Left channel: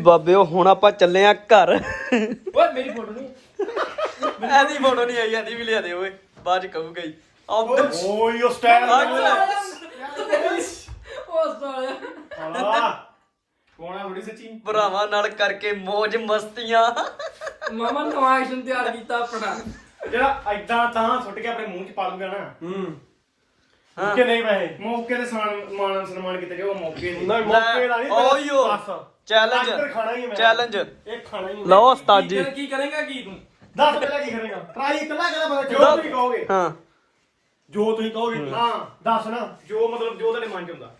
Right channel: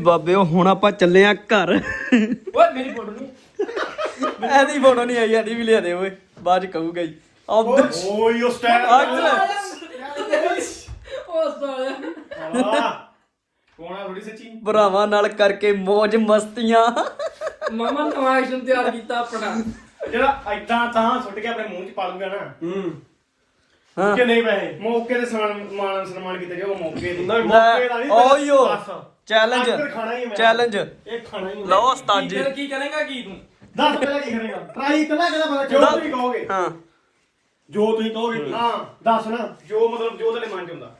ਬਾਬੇ ਉਹ ਹੁਣ ਆਪਾਂ ਚੱਲੇ ਆ ਘਰ। ਓਏ ਮੇਰੀ ਫੋਟੋ ਨਹੀਂ। ਐਦੀ ਫੋਟੋ ਨਹੀਂ ਆਈ ਐਦੀ ਵੀ ਲਿਆ ਦੇ ਓਏ। ਬਾਅਦ ਚ ਕਹੂਗਾ ਆਉਂਦਾ ਓਏ ਉਹ ਸਟੈਂਡ ਉਹ ਸਾਲਿਆ ਕੋਣਾ ਥੋੜੀ ਸੱਚੀ? ਭਰਾਵਾਂ ਨਾਲ ਕਰਕੇ ਮौज ਮਸਤੀਆਂ। ਮਾਮਾ ਨਵਾਂ ਐਕਸ਼ਨ ਤਿਆਰ ਕੀਤਾ ਆਪਣਾ। ਜਿਹੜਾ ਐਦਾਂ ਤਾਂ ਸੁੱਟ ਕੇ ਆਪਣੇ ਮੂੰਹ 'ਚ ਪਾ ਲੂਗਾ ਨਾ। ਹੂੰ। ਹਾਂ। ਕਿ ਨਹੀਂ ਪਏ ਮੌਕੇ ਤੇ ਸਨਮਾਨ ਮਾਨ ਸਨਮਾਨ ਕੀਤੇ ਉਹ ਮੌਕੇ ਦਾ। ਨਹੀਂ ਓਯੋ। ਚੈਲੰਜ। ਚੈਲੰਜ ਇਹ ਖਾਣਾ ਹੀ ਲਓ ਉਸਤਾਦ ਜੀ। ਕੀ ਕਰੇਗਾ ਕੀ ਤੂੰ? ਦੱਸ ਪਹਿਲਾਂ ਕੀ ਕਰੇਗਾ? ਟਰਾਈ ਇਤਨਾ ਕਰਾ ਪਤਾ ਜੋ ਤੁਸੀਂ ਕਹੋਗੇ। ਹਾਂ। ਜੋ ਤੁਸੀਂ ਕਹੋਗੇ। ਹਾਂ। ਦੱਸ ਨਾ। ਜੋ ਮਤਲਬ ਜੋ ਤੁਹਾਡੇ ਮਨ 'ਚ ਹੁੰਦਾ।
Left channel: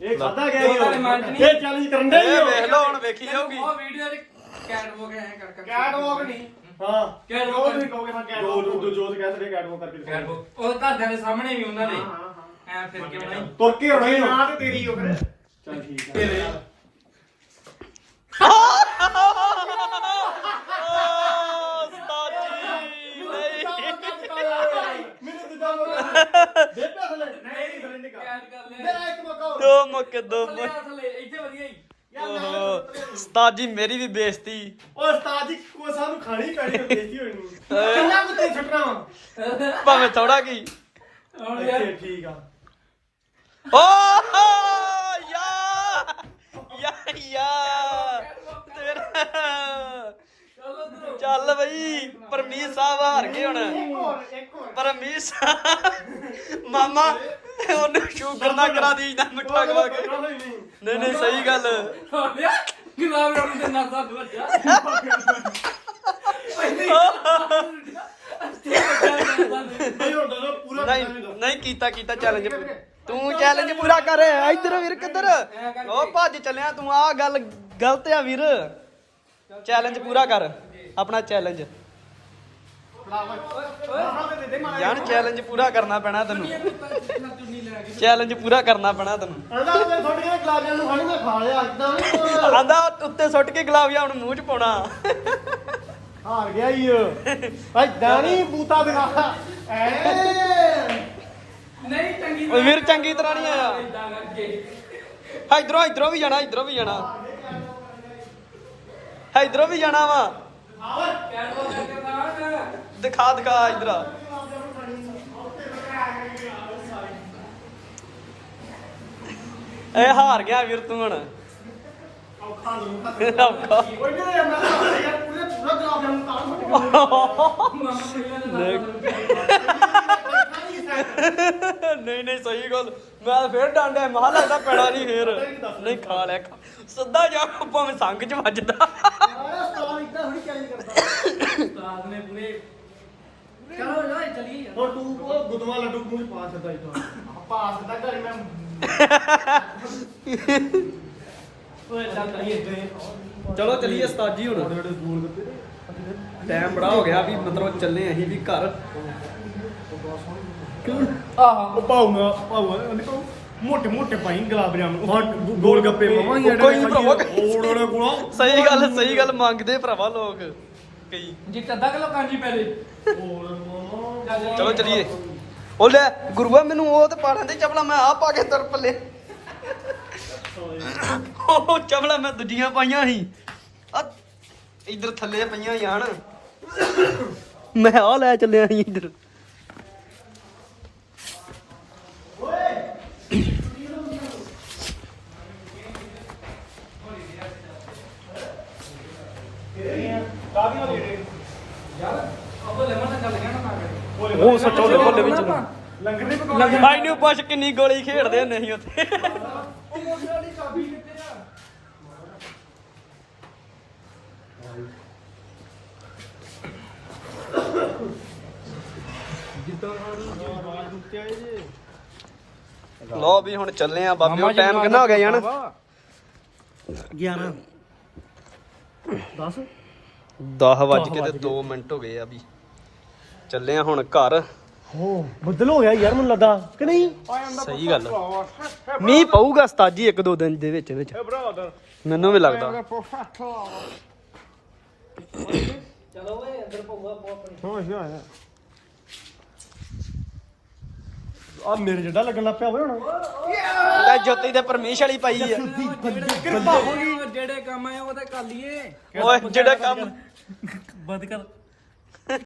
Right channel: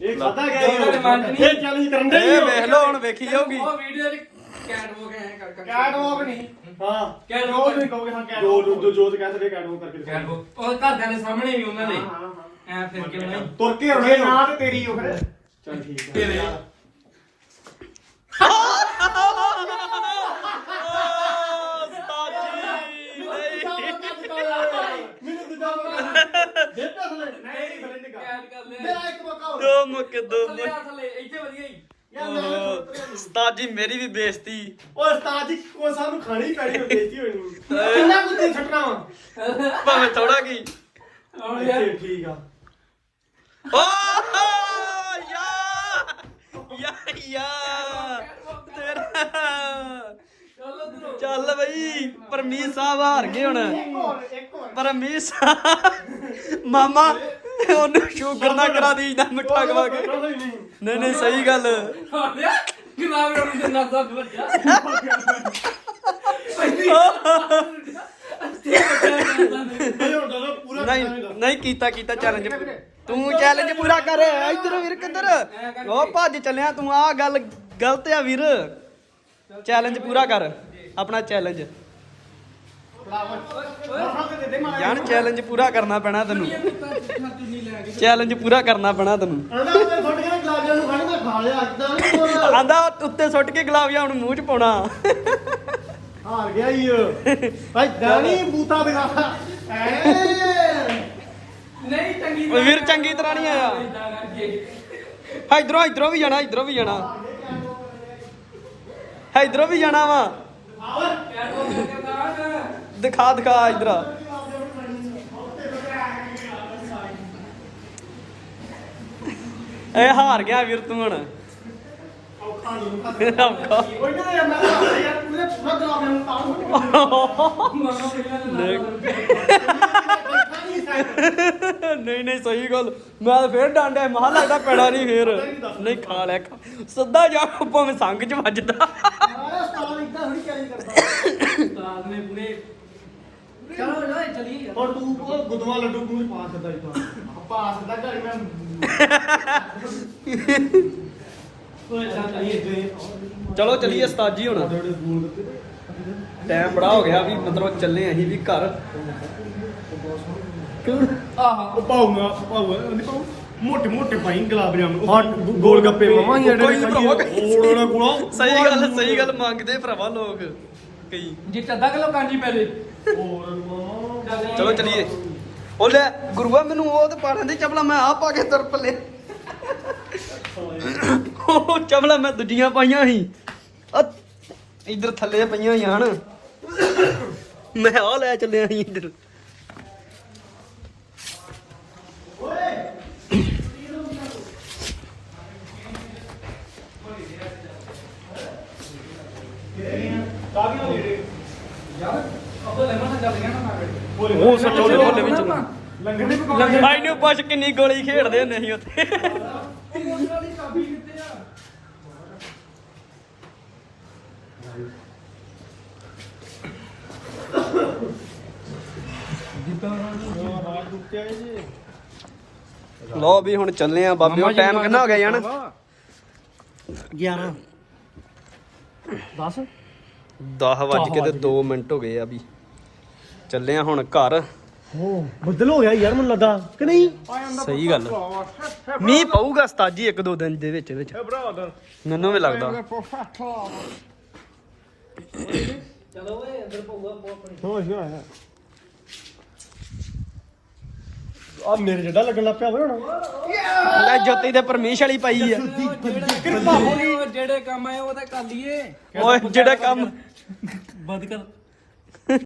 ਇਹ ਖਾਦਾ ਗਿਆ ਜੋ ਤੁਹਾਡੇ ਮਨ 'ਚ ਨਹੀਂ। ਇਹ ਚੈਲੰਜ ਕਰਨ ਦੇ ਇਹ ਵੇਖ ਲਓ ਹੁਣ ਵੇਖੀ ਜਾਊਗੀ। ਉਹ ਵੀਡੀਓ ਦੇ ਕੈਟ ਹੋ ਗਏ ਕਰ ਕਰ ਕੈਟ ਵਾਕ ਨਹੀਂ ਹਾਂ ਜੋ ਤੁਸੀਂ ਕਹੋਗੇ ਹਾਂ ਜੋ ਜੋ ਜੋ ਤੇ ਕਹਿੰਦੇ ਕੈਟ ਵਾਕ ਕਰਕੇ ਕੈਟ ਉਹ ਘਰਦਿਆਂ ਦੇ ਸਾਹਮਣੇ ਵੀ ਉਹਨਾਂ ਦੇ ਹਾਂ ਹਾਂ ਐ ਫਿਰ ਕਿਉਂ ਨਹੀਂ ਤੁਰ ਕੇ ਹੋਣੇ ਨਾ ਤੇ ਤੇਰੀ ਉਹ ਫਿਰ ਚਲ ਠੀਕ ਹੈ ਤੇਰੇ ਮੈਨੂੰ ਦੂਜਾ ਮੌਕਾ ਦੇ ਪਾ ਥਲੇ ਨਹੀਂ ਥਲੇ ਨਿਕਲ ਕੈਟ ਕਰ ਲੈ ਮੇਰਾ ਇੱਕ ਮੌਕਾ ਹੋਰ। ਦੋ ਮੁੱਕ ਦੋ ਥੱਲੇ ਆ ਥੱਲੇ ਇੱਥੇ ਵਧੀਆ ਹੀ ਯਾਰ ਉਸਤਾਦ ਜੀ ਮੇਰੀ ਵੀ ਬੇਇੱਜ਼ਤੀ। ਉਹ ਉਸਤਾਦ ਜੀ ਕੋ ਸਾਹਿਬ ਨੂੰ ਖਾਣੀ ਪੈਣੀ ਹੋ ਬੇਇੱਜ਼ਤੀ ਹੋਣੀ ਨੂੰ। ਕਿੰਨਾ ਕੁੱਤੇ ਛੱਡਣਾ ਵਾ ਭਾਵੇਂ ਥੋੜਾ ਕੀ। ਹੁਣ ਯਾਰ। ਠੀਕ ਆ। ਓ ਯਾ ਯਾ ਯਾ। ਤੇਰਾ। ਚੱਲ ਬਈ ਪਰਮੀਤ ਸਾਹਿਬ ਹਾਰ ਗਏ ਹੁਣ। ਇੱਕ ਹੋਰ ਇੱਕ ਹੋਰ। ਪਰਮੀਤ ਸਾਹਿਬ ਮਾਮਾ ਉਹਨੂੰ ਸ਼ੂਗਰ ਨਾ ਕਰਾ ਦੀ ਨਾ ਮਿੱਠਾ ਖਵਾ ਕੇ? ਨਹੀਂ। ਨਹੀਂ ਸਹੀ ਗੱਲ। ਤੇ ਨਸਾ ਨਹੀਂ ਨਹੀਂ ਕੀਤਾ ਕੀਤਾ ਚੈਲੰਜ ਤੂੰ ਚੈਲੰਜ ਪੂਰਾ ਕਰ। ਇੱਧਰ ਵੀਰ ਕਿੱਧਰ? ਉਹ ਭੱਜ ਚੱਲਿਆ ਤੂੰ ਆ ਗੱਲ ਗਲਤ ਆ ਵੀਰ। ਚੈਲੰਜ ਪੂਰਾ ਕਰ ਆਪਣਾ ਚੈਲੰਜ ਜਾਨ ਚੈਲੰਜ ਪੂਰਾ ਕਰਨਾ ਪੈਣਾ ਤੈਨੂੰ। ਚੈਲੰਜ ਪੂਰਾ ਕਰਨਾ ਪੈਣਾ ਤੈਨੂੰ। ਆਂਦਾ ਉੱਤੇ ਸੁੱਟ ਕੇ ਗੁਲਾਬ ਜਾਮੁਨ ਮੂੰਹ ਚ ਪਾਉਣਾ। ਹਾਰ ਗਿਆ ਈ ਐਦਾਂ ਨਹੀਂ ਬੂਤਾ ਦਿਖਾ ਐ ਨਹੀਂ ਚੰਗੀ ਓਏ ਵੀਰ ਚੰਗੀ ਤਰ੍ਹਾਂ ਨਹੀਂ ਆਇਆ। ਇਦਾਂ ਇਧਰੋਂ ਇਧਰੋਂ ਵੀ ਜਾਣਾ, ਇਧਰੋਂ ਵੀ ਜਾਣਾ। ਇਧਰੋਂ ਵੀ ਜਾਣਾ ਵਾ। ਦਿਖਾ ਦਿਖਾ ਇਧਰ ਆ ਇਹ ਹਾਰ ਗਿਆ ਵੀਰ ਤੂੰ ਹੁਣ ਔਖਾ ਨਹੀਂ ਔਖਾ। ਕੋਈ ਨਹੀਂ ਅੰਮਾ ਯਾਰ ਪੂਰੇ ਪੂਰਾ ਗਲਾਜੀਆਂ ਨੂੰ ਤਾਂ ਨਹੀਂ ਨਹੀਂ ਸਹੀ ਗੱਲ ਮੈਂ ਫੇਰ ਡਾਂਡਾ ਮਹਾ ਲੱਗਦਾ ਪੈਣਾ ਨਹੀਂ ਫੇਰ ਨਹੀਂ, ਖਾ ਲੈ ਖਾ। ਸਿੱਧਾ ਜਾ, ਭਾਵੇਂ ਸੰਗ ਚ ਵੱਜਦਾ ਆਹ ਕਰਦਾ? ਉਸਤਾਦ ਨੇ ਪੂਰੇ ਚਲੋ ਯਾਰ ਚਲੀਏ ਯਾਰ ਔਰ ਤੂੰ ਉਹ ਗੁਦਵਾ ਲੱਡੂ ਮੂੰਹ ਚ ਪਾ ਸਕਦਾ ਇਦਾਂ ਪਾ ਸਕਦਾ ਘਰੇ ਮੈਂ। ਓਏ ਇਦਾਂ ਕਰੀਏ ਚਲੋ ਚਲੀਏ ਉਸਤਾਦ ਹੁਣ। ਟਾਈਮ ਬੜਾ ਹੋ ਗਿਆ ਵੀ ਮਤਲਬ ਚੱਲੇ ਅਸੀਂ ਵੀ ਘਰ। ਆਹ ਉਹ ਪਾਉ ਨਾ ਪਾਉ ਨਹੀਂ ਪਾਉ ਮੋਟੇ ਮੋਟੇ ਪਾਈ ਗੁਲਾਬ ਜਾਮਨ। ਹਾਂ ਗੋਲ ਗੱਪੇ ਮਮਾ ਜਿਹੜੇ ਖਾਈਏ। ਓੜ ਓੜ ਗੋਲਾ ਸਹੀ ਗੱਲ ਸਹੀ ਗੱਲ ਮੰਗਦੇ ਭਰਾਵਾ ਲੋਕ। ਕਈ ਜੇ ਅੱਧਾ ਕਿਲੋ ਕਾਂਜੀ ਪੈ ਦੇ ਚਲੋ ਚਲੀਏ। ਉਹ ਲੈ ਗੁਰੂਆ ਮੈਨੂੰ ਉਹ ਤੇ ਪਾਣਾ ਦੀ ਚਪਲਾ ਮੈਂ ਆ ਪਾ ਕੇ ਤੁਰ ਪੱਲੇ ਉਹ ਚਪਲਾ ਮੈਂ ਦੂਜੀਆਂ ਪਾਈਆਂ ਸੀ। ਆ ਇਧਰ ਥੱਲੇ ਪਈਆਂ ਹੋਈਆਂ ਹਨ। ਮੈਂ ਆ ਲੈ ਚੱਲਿਆ ਸੀ ਇਧਰ। ਕਾਹਦੀਆਂ ਦੇ ਯਾਰ ਉਹ ਲੈਮਨ ਨਾਲ ਚੱਲ ਗਿਆ ਨਾ ਨਾ ਕਰੇ ਉਹ ਸੱਚ ਉਹਦੇ ਭੋਲੇ ਵਿੱਚ ਨੂੰ। ਲੰਗਰ ਨਹੀਂ ਪਕਾਉਣਾ ਭਾਈ ਨੂੰ ਪੁੱਛ ਕਿੰਨੀ ਗੋਲੀ ਖੇਡਦੇ ਹੁੰਦੇ ਸੀ ਉੱਥੇ। ਲੋ ਵੀ ਹੁਣ ਚੱਲੇ ਆ ਬਾਬਿਓ ਟਾਈਮ ਕਿੰਨਾ ਹੋ ਗਿਆ ਜਾਨ 11 10 10 ਵੱਜ ਕੇ ਤੇ 2 ਮਿੰਟ ਹੋ ਗਏ ਆ ਵੀ। ਚੱਲੇ ਆ ਹੁਣ ਘਰ। ਹੋ ਬੱਦਲ ਹੋ ਗਿਆ ਯਾਰ ਮੈਨੂੰ ਲੱਗਾ ਕਿ ਨਹੀਂ? ਸਹੀ ਗੱਲ। ਮੀਂਹ ਪਊਗਾ ਸਤਾਜੀ ਇੱਕ ਦੋ ਦਿਨ ਦੇ ਵਿੱਚ ਵਿੱਚ। ਮੈਨੂੰ ਵੀ ਲੱਗਦਾ। ਚਲੋ ਓਏ ਅੰਦਰ ਪਊਗਾ ਪੋ ਆਪਣੀ ਹੋ ਗਿਆ ਆ ਮੇਰੇ ਜੱਡਾ ਲੱਗਣ ਲੱਗ ਪਿਆ ਹੋਇਆ ਹੁਣ। ਲੈ ਜੋਤੀ ਤੇ ਪਰਮੇਸ਼ ਵਾਲੀ ਪਾਈ ਆ। ਕਿਰਪਾ ਹੋ ਗਈ। ਜਿਹੜੇ ਕੰਮ ਕੰਮ ਆਏ ਉਹ ਤਾਂ ਕਰ ਲਈਏ। ਓਏ ਜਿਹੜਾ ਕੰਮ ਬੰਦ ਕਰ।